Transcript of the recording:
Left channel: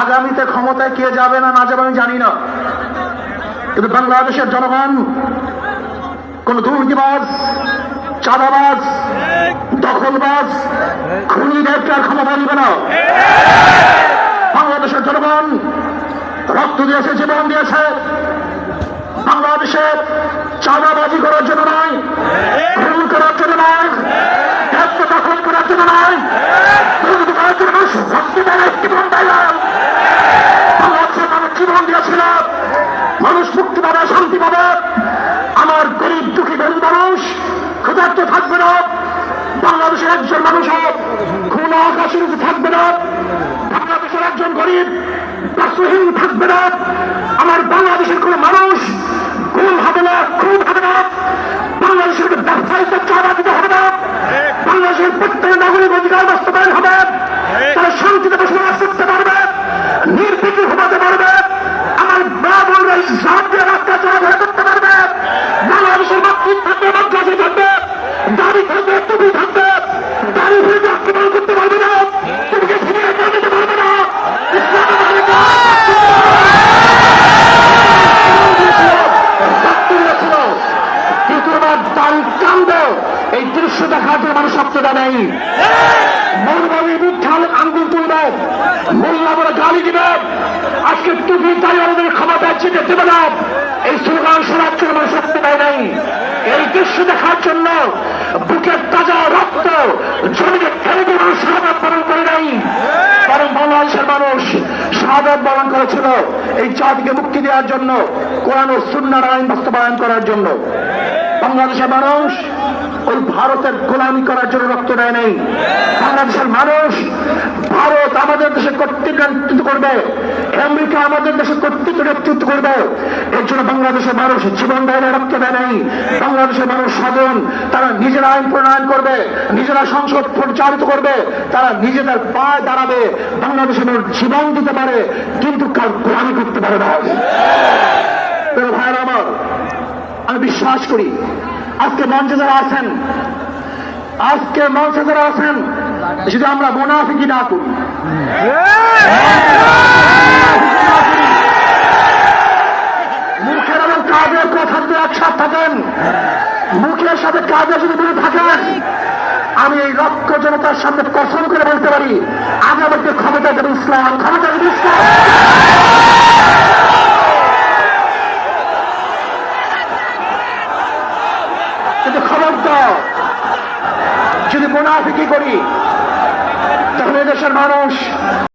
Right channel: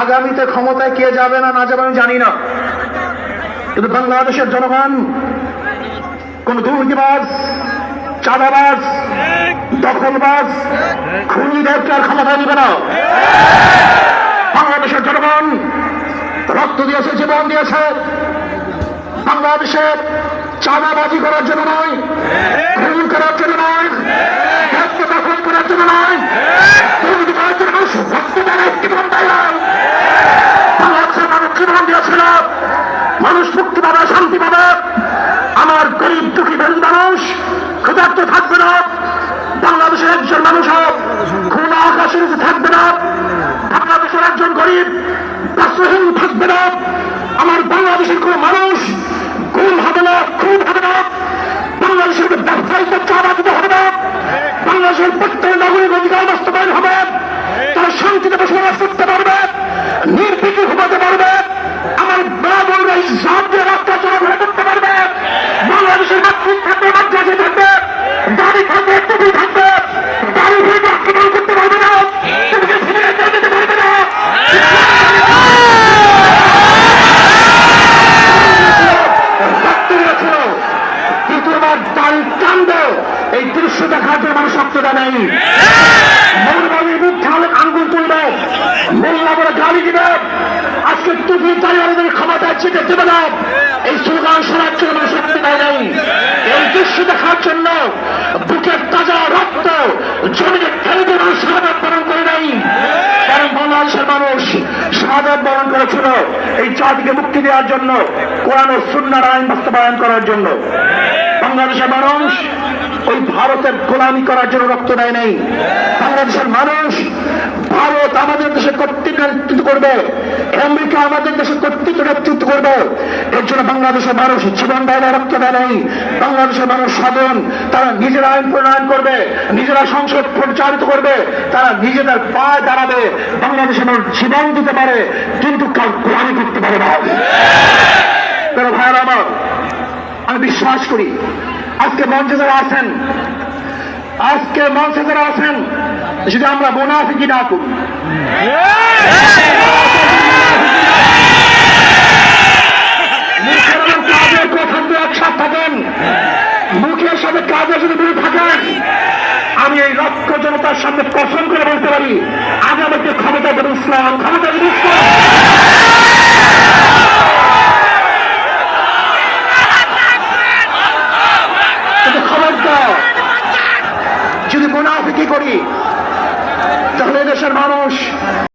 আগামীতে ক্ষমতায় কে যাবে না না যাবে আমি জানি না, কিন্তু বাংলাদেশের জনগণ কোন দুর্নীতিবাজ, চাঁদাবাজ, দখলবাজ, খুনিদেরকে আর ক্ষমতা দিবে না। বাংলাদেশের জনগণ রক্ত দিয়েছে, জীবন দিয়েছে বাংলাদেশের চাঁদাবাজি করার জন্য নয়, খুন করার জন্য নয়, দখল করার জন্য নয়, দুর্নীতি করার জন্য জীবন দেয় না। বাংলাদেশের মানুষ জীবন দিয়েছিল, মানুষ মুক্তি পাবে, শান্তি পাবে। আমার গরিব দুঃখী দরিদ্র মানুষ ক্ষুধার্ত থাকবে না, বাংলাদেশের একজন মানুষ খুন আকাশে থাকবে না, বাংলাদেশের একজন গরিব বস্ত্রহীন থাকবে না, আমার বাংলাদেশের কোন মানুষ খুন হবে না, খুন হবে না, বাংলাদেশের ব্যবসায়ীকে চাঁদা দিতে হবে না, বাংলাদেশের প্রত্যেক নাগরিক অধিকার বাস্তবায়ন হবে, তারা শান্তিতে বসবাস করতে পারবে, নির্বিঘ্নে ঘুমাতে পারবে, আমার মা বোনরা ইসলাম দিয়ে রাস্তা চলাফেরা করতে পারবে, বাংলাদেশের মাতৃ থাকবে, মাদ্রাসা থাকবে, বাড়ি থাকবে, টুপি থাকবে, বাড়ি থেকে আক্রমণ করতে পারবে না, তোমাকে ছেড়ে করে দিতে পারবে না। দ্বিতীয়বার বাড়ির কাণ্ড এই দৃশ্য দেখার জন্য মানুষ সত্যতা নেই। মৌলবাদীর বিরুদ্ধে আঙ্গুল তুলবে, মোল্লা বলে গালি দিবে, আজকে টুপি তাই আমাদের ক্ষমতা চেপে দেবে না, এই স্লোগান শোনার জন্য মানুষ সত্যতা নেই। এই দৃশ্য দেখার জন্য বুকের তাজা রক্ত জমিনে ফেলে দিয়ে মানুষ শাহাদাত বরণ করে নেই, কারণ বাংলাদেশের মানুষ শাহাদাত বরণ করেছিল এই জাতিকে মুক্তি দেওয়ার জন্য, কোরআন ও সুন্নাহর আইন বাস্তবায়ন করার জন্য। বাংলাদেশের মানুষ ওই ভারতের গোলামি করার জন্য রক্ত দেয় নাই। বাংলাদেশের মানুষ ভারত আমাদের দেশে কর্তৃত্ব নেতৃত্ব করবে, আমেরিকা আমাদের দেশে কর্তৃত্ব নেতৃত্ব করবে, এর জন্য বাংলাদেশের মানুষ জীবন দেয় না, রক্ত দেয় নাই। বাংলাদেশের মানুষ সাধারণ, তারা নিজেরা আইন প্রণয়ন করবে, নিজেরা সংসদ পরিচালিত করবে, তারা নিজেদের পা দাঁড়াবে, বাংলাদেশের মানুষ জীবন দিতে পারে কিন্তু কার গোলামি করতে পারে না। ভাইরা আমার, আমি বিশ্বাস করি আজকে মঞ্চে যারা আছেন, যদি আমরা মুনাফিকি না করি, মুখের এবং কাজের কথা যদি একসাথে থাকেন, মুখের সাথে কাজের যদি মিল থাকেন, আমি এই লক্ষ জনতার সামনে কসম করে বলতে পারি আগামীতে ক্ষমতা দেবে ইসলাম, ক্ষমতা দেবে ইসলাম। খবরদার যদি মুনাফিকি করি তাহলে দেশের মানুষ